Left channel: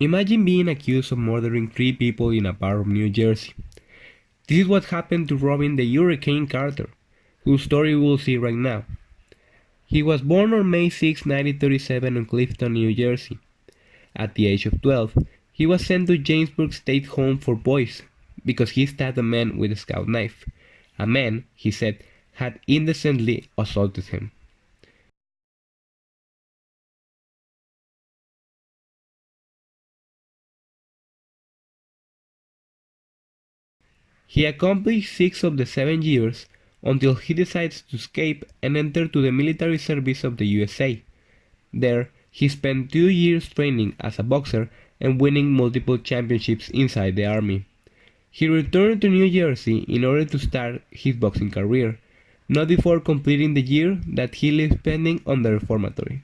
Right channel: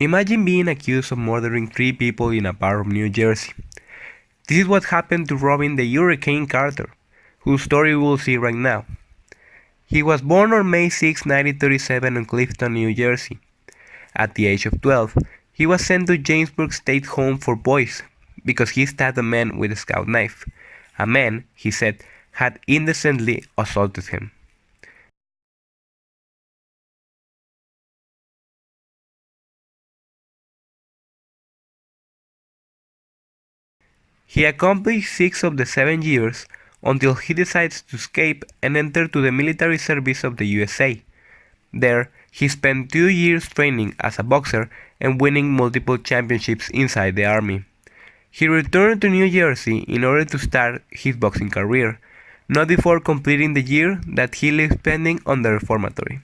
Imagine being accused of murdering 3 people in a bar of New Jersey. This is what happened to Robin the Hurricane Carter, whose story we'll see right now. He was born on May 6, 1937 in Clifton, New Jersey. At the age of 12, he was sent to Jamesburg State Home for Boys because he stabbed a man with a scout knife. A man, he said, had indecently assaulted him. He accomplished 6 of the 7 years until he decides to escape and enter to the military service of the USA. There, he spent 2 years training as a boxer and winning multiple championships inside the army. He returned to New Jersey in order to start his boxing career, not before completing the year that he lived spending on the reformatory.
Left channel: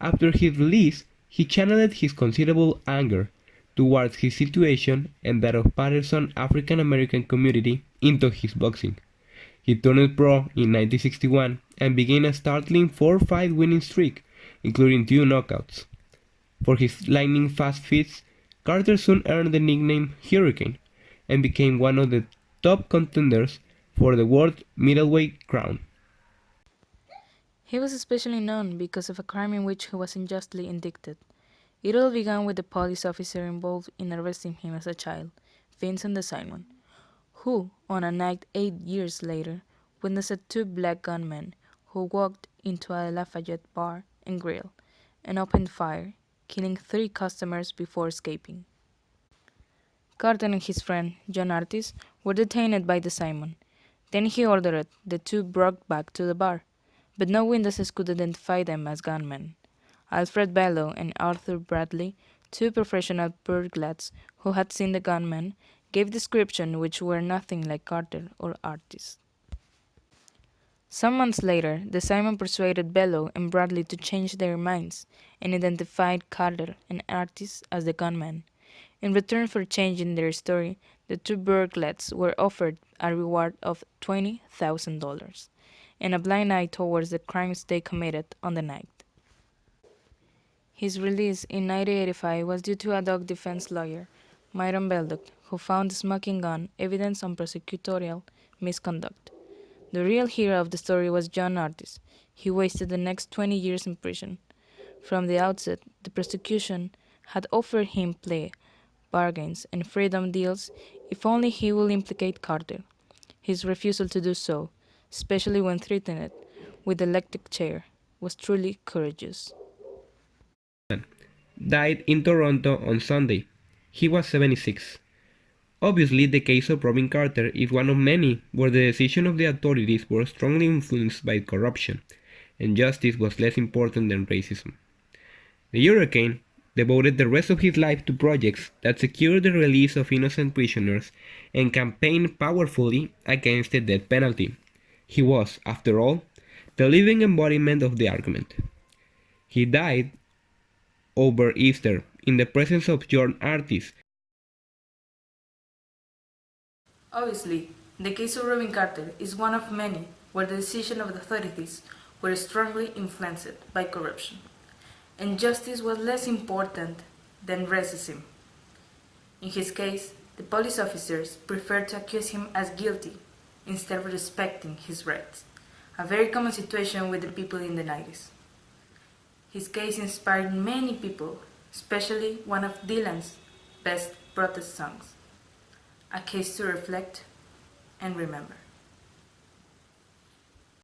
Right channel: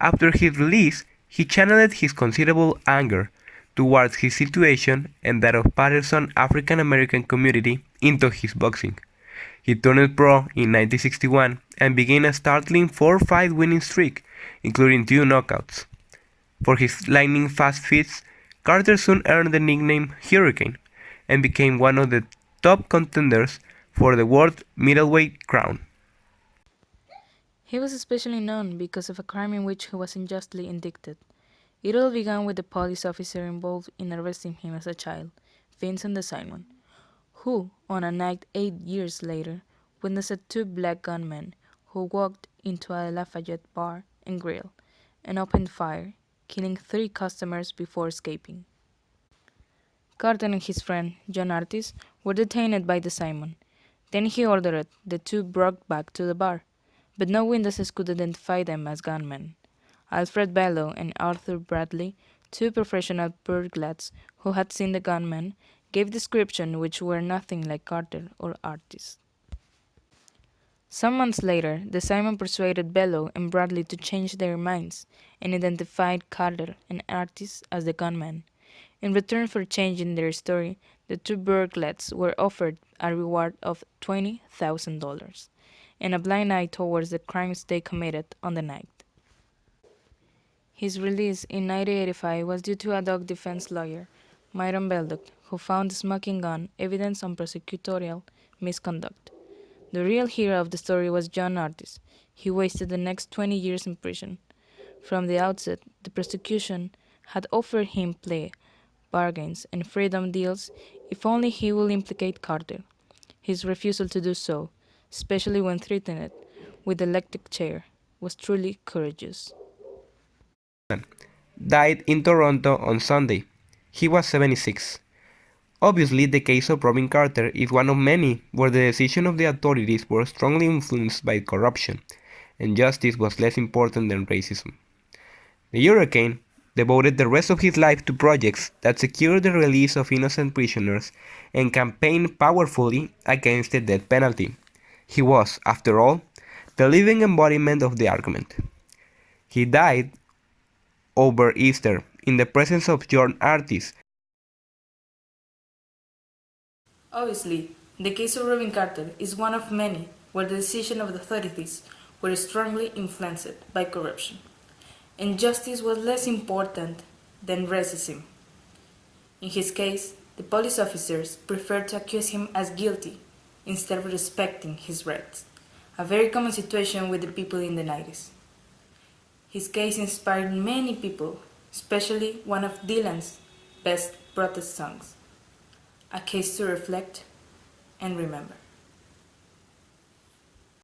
After his release, he channeled his considerable anger towards his situation and that of Patterson's African American community into his boxing. He turned pro in 1961 and began a startling 4-fight winning streak, including 2 knockouts. For his lightning-fast feats, Carter soon earned the nickname Hurricane and became one of the top contenders for the world middleweight crown. He was especially known because of a crime in which he was unjustly indicted. It all began with the police officer involved in arresting him as a child, Vincent Simon, who, on a night 8 years later, witnessed 2 black gunmen who walked into a Lafayette bar and grill and opened fire, killing 3 customers before escaping. Carter and his friend, John Artis, were detained by the Simon. Then he ordered the 2 brought back to the bar, but no witnesses could identify them as gunmen. Alfred Bellow and Arthur Bradley, 2 professional burglars who had seen the gunmen, gave descriptions which were nothing like Carter or Artis. Some months later, the Simon persuaded Bellow and Bradley to change their minds and identified Carter and Artis as the gunmen. In return for changing their story, the 2 burglars were offered a reward of $20,000 and a blind eye towards the crimes they committed on the night. His release in 1985 was due to a dog defense lawyer, Myron Beldock, who found the smoking gun evidence on prosecutorial misconduct. The real hero of the story was John Artis. He wasted the next 20 years in prison. From the outset, the prosecution had offered him plea bargains and freedom deals if only he would implicate Carter. His refusal to do so, especially when threatened with the electric chair, was truly courageous. Died in Toronto on Sunday. He was 76. Obviously, the case of Robin Carter is one of many where the decisions of the authorities were strongly influenced by corruption, and justice was less important than racism. The Hurricane devoted the rest of his life to projects that secured the release of innocent prisoners and campaigned powerfully against the death penalty. He was, after all, the living embodiment of the argument. He died over Easter in the presence of John Artis. Obviously, the case of Rubin Carter is one of many where the decisions of the authorities were strongly influenced by corruption, and justice was less important than racism. In his case, the police officers preferred to accuse him as guilty instead of respecting his rights, a very common situation with the people in the 90s. His case inspired many people, especially one of Dylan's best protest songs, A Case to Reflect and Remember.